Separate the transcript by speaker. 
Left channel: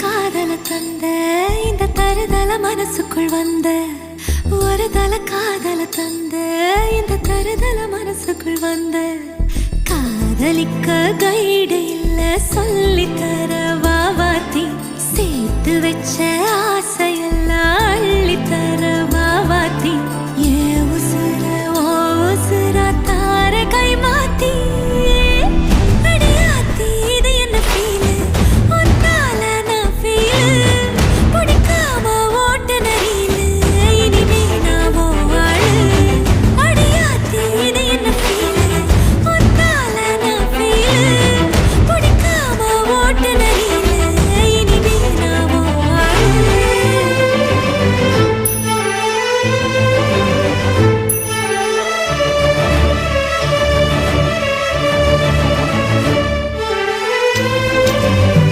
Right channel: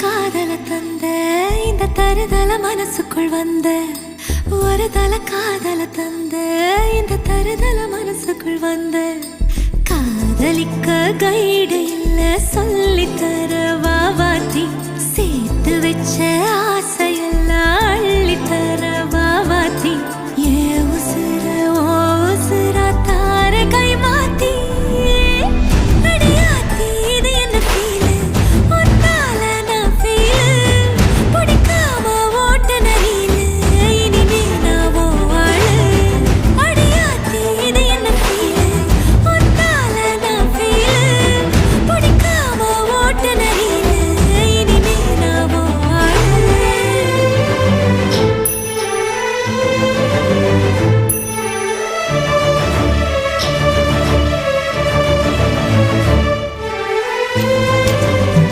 Speaker 1: காதல தந்த இந்த தருதல மனசுக்குள் வந்த ஒரு தல காதல தந்த இந்த தருதல மனசுக்குள் வந்த. காதலிக்க கைடு இல்ல சொல்லி தர வாவாத்தி சேர்த்து வச்ச ஆசையெல்லாம் அள்ளி தர வாவாத்தி